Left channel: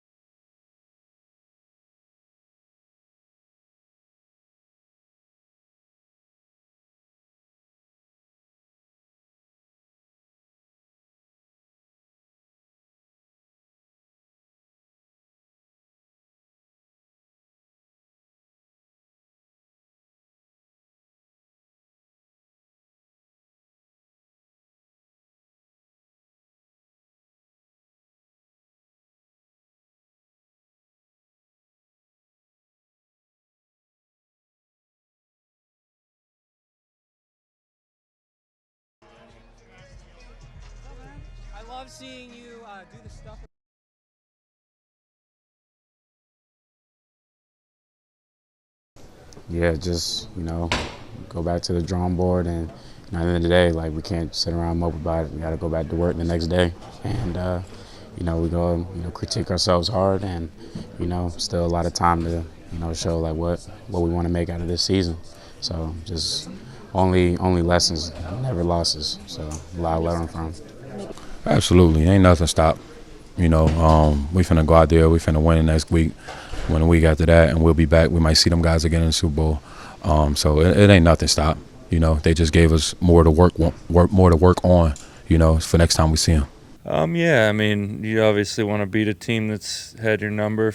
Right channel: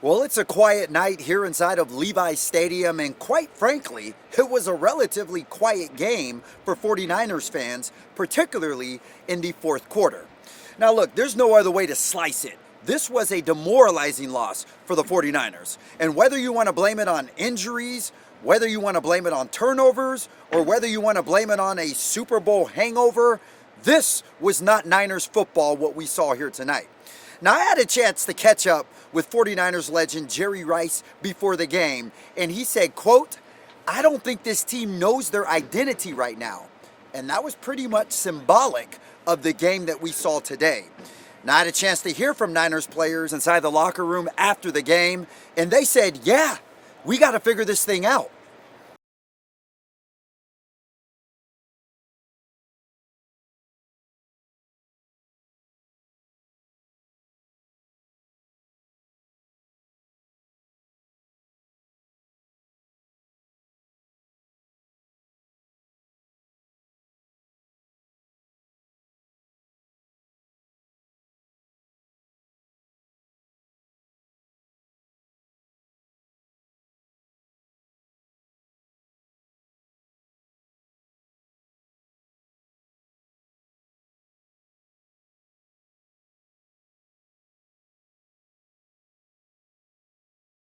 Well, it's a quiet night here inside of Levi's Stadium, and quite frankly, it was a relatively quiet game for 49ers fans, particularly in the fourth quarter. Now, look, there's no other way to slice it. This was a demoralizing loss for the 49ers. And whether you want to blame it on injuries, whether you want to blame it on turnovers, or whether you want to blame it on a Super Bowl hangover, this was not Niners football, what we saw here tonight. Now, I had a chance to catch up with 49ers legend Jerry Rice before the game, and he said, quote, "I don't think this team knows their identity right now." And that was pretty much symbolic of the game that we saw today. Now, I had a chance to hear from Niners players inside the locker room after the game, and they said, yeah, we got to figure this thing out. Yeah, just, go back to the drawing board and at the end of the day, like, we can't sit around and mope about it. We got to go back to work the next day. And, we go, critique ourselves hard and, still a lot of time to, show, like, what we want to make out of this season. So just only lessons, never losses. So a lot to learn from. Absolutely. Ain't nothing stopped. We finna go out there. We finna win the next week. Win the week after that, and we'll be back. We might see them guys again in the Super Bowl. So it ain't nothing stopped. They just gave us more to work on, for next time we see them. Yeah, I mean, you obviously want to beat a team that's had your number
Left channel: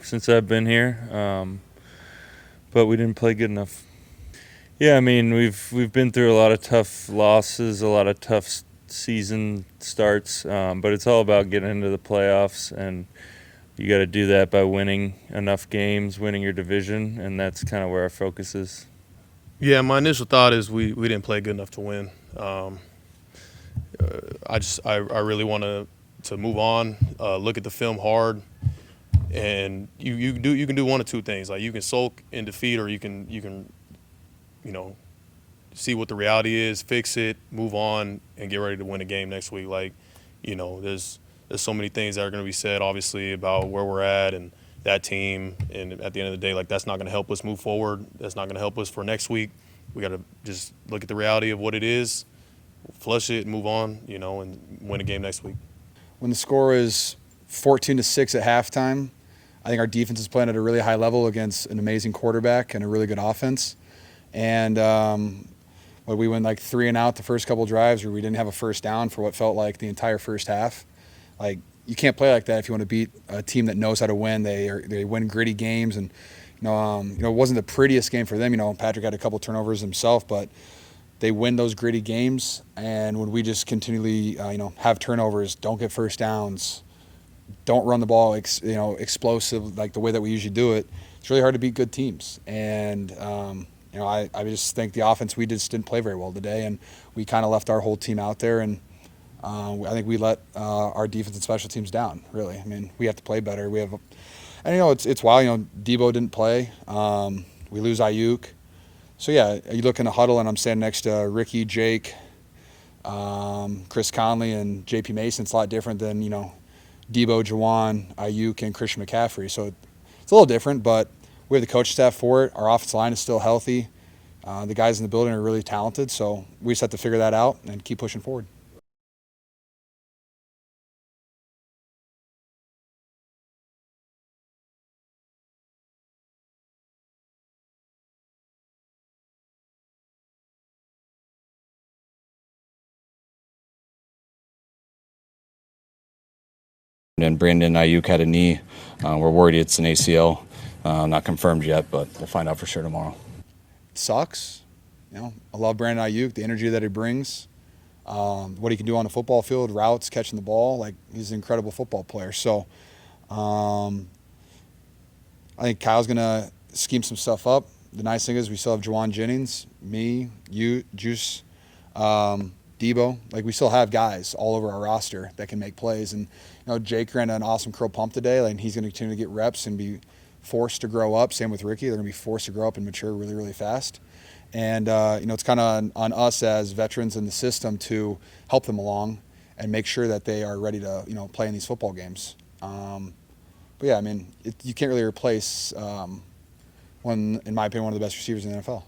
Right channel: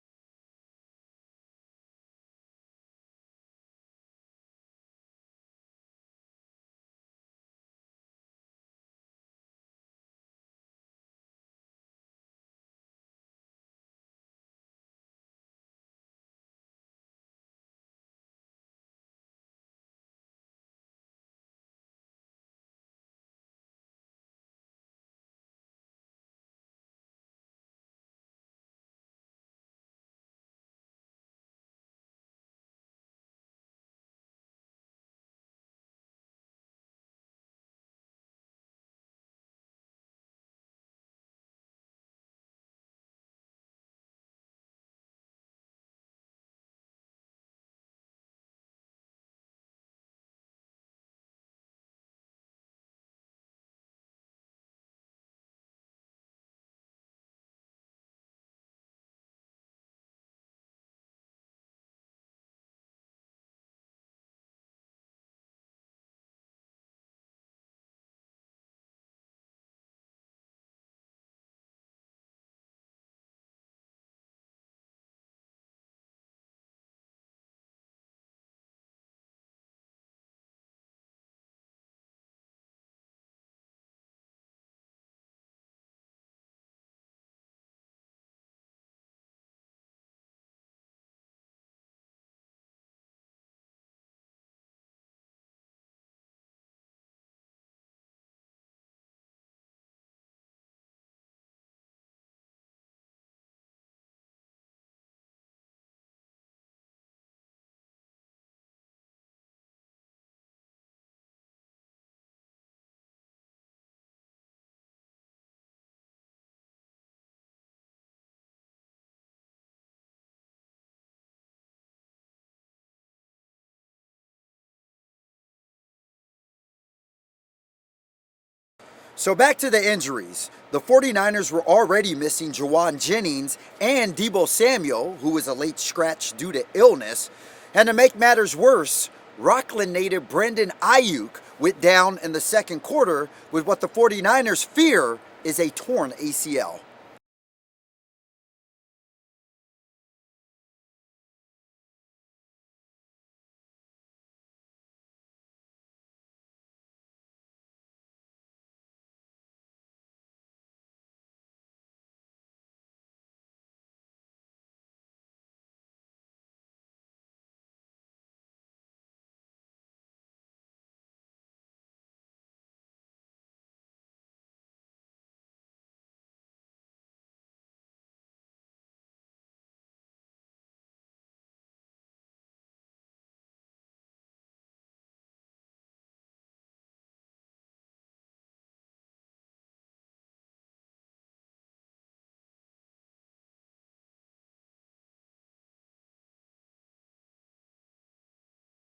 since I've been here, but we didn't play good enough. Yeah, I mean, we've been through a lot of tough losses, a lot of tough season starts, but it's all about getting into the playoffs, and you got to do that by winning enough games, winning your division, and that's kind of where our focus is. Yeah, my initial thought is we didn't play good enough to win. I really want to move on, look at the film hard, and you can do one of two things. Like, you can sulk in defeat, or you can see what the reality is, fix it, move on, and get ready to win a game next week. Like, there's so many things that are going to be said, obviously, about where we're at and that team. And at the end of the day, like, that's not going to help us move forward. That's not going to help us for next week. We got to just look at the reality of what it is, flush it, move on, and win a game next week. When the score is 14-6 at halftime, I think our defense is playing at a really high level against an amazing quarterback and a really good offense. And we went like 3 and out the first couple drives where we didn't have a first down for what felt like the entire first half. Like, you can't play like that if you want to beat a team that knows how to win. They win gritty games, and it wasn't the prettiest game for them. Patrick had a couple turnovers himself, but they win those gritty games. And when we just continually have turnovers, don't get first downs, don't run the ball explosive like the way that we usually do it, it's really hard to beat good teams. And I just think the offense, we just didn't play very well today, and we kind of left our whole team out there, and I think we let our defense and special teams down, really. I mean, we have to play better. It's wild. Debo didn't play. We lose Ayuk. So, yeah, you look in the huddle, and I'm standing next to Ricky, Jake, Chris Conley, and J.P. Mason. It's a lot different than, Debo, Jawan, Ayuk, and Christian McCaffrey. So it's a little different, but we have the coach staff for it. Our offensive line is still healthy. The guys in the building are really talented, so we just have to figure that out and keep pushing forward. So back to the injuries. The 49ers were already missing Jawan Jennings and Debo Samuel, who was a late scratch due to illness. And to make matters worse, Rockland native Brandon Ayuk went down in the second quarter with what the 49ers fear is a torn ACL. And Brandon Ayuk had a knee. We're worried it's an ACL. Not confirmed yet, but we'll find out for sure tomorrow. It sucks. I love Brandon Ayuk, the energy that he brings. What he can do on the football field, routes, catching the ball, like, he's an incredible football player. So I think Kyle's going to scheme some stuff up. The nice thing is we still have Jawan Jennings, me, you, Juice, Debo. Like, we still have guys all over our roster that can make plays. And, Jake ran an awesome curl pump today. Like, he's going to continue to get reps and be forced to grow up. Same with Ricky. They're going to be forced to grow up and mature really, really fast. And, it's kind of on us as veterans in the system to help them along and make sure that they are ready to, play in these football games. But, yeah, I mean, you can't really replace, in my opinion, one of the best receivers in the NFL.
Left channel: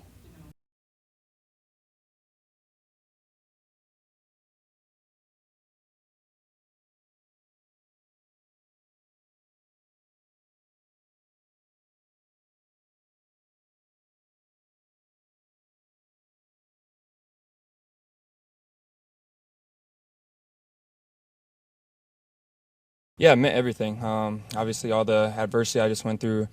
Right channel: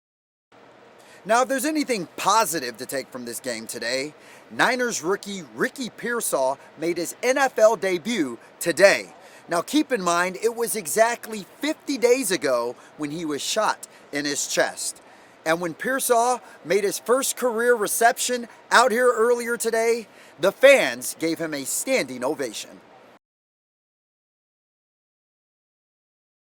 Now, if there's anything positive to take from this game today, Niners rookie Ricky Pearsall made his NFL debut today. Now, keep in mind, it was exactly 50 days ago when he was shot in his chest. And when Pearsall made his first career reception out here earlier today, the fans gave him a standing ovation. Yeah, it meant everything. Obviously, all the adversity I just went through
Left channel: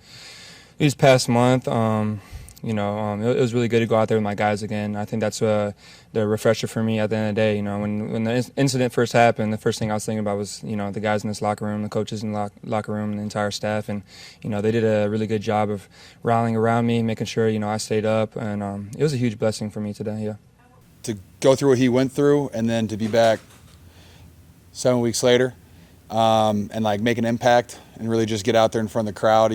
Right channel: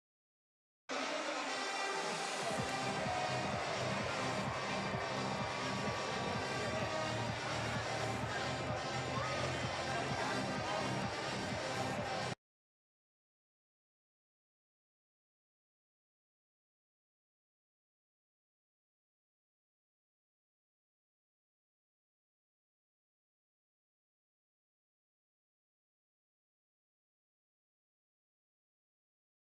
these past month, it was really good to go out there with my guys again. I think that's the refresher for me at the end of the day. You know, when the incident first happened, the first thing I was thinking about was, the guys in this locker room, the coaches in the locker room, and the entire staff. And, they did a really good job of rallying around me, making sure, I stayed up. And it was a huge blessing for me today, yeah. To go through what he went through and then to be back 7 weeks later and, make an impact and really just get out there in front of the crowd,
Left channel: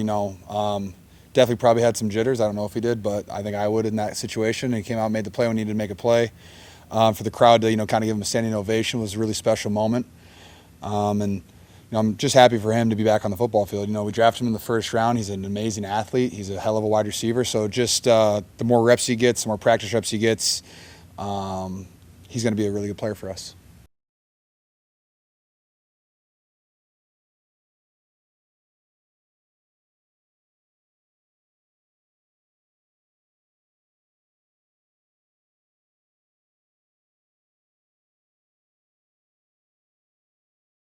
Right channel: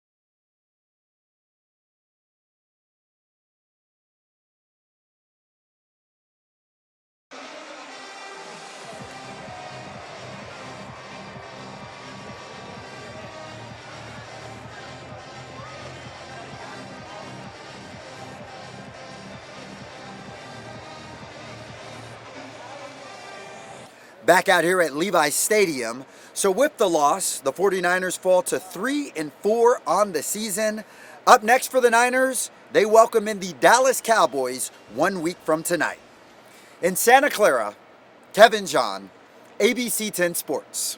definitely probably had some jitters. I don't know if he did, but I think I would in that situation. And he came out and made the play when he needed to make a play. For the crowd to, kind of give him a standing ovation was a really special moment. I'm just happy for him to be back on the football field. We drafted him in the first round. He's an amazing athlete. He's a hell of a wide receiver. So just the more reps he gets, the more practice reps he gets, he's going to be a really good player for us. Back out here at Levi Stadium. So with the loss, the 49ers fall to 3-4 on the season. Up next for the Niners, they welcome in the Dallas Cowboys 1 week from tonight. In Santa Clara, Kevin John, ABC 10 Sports.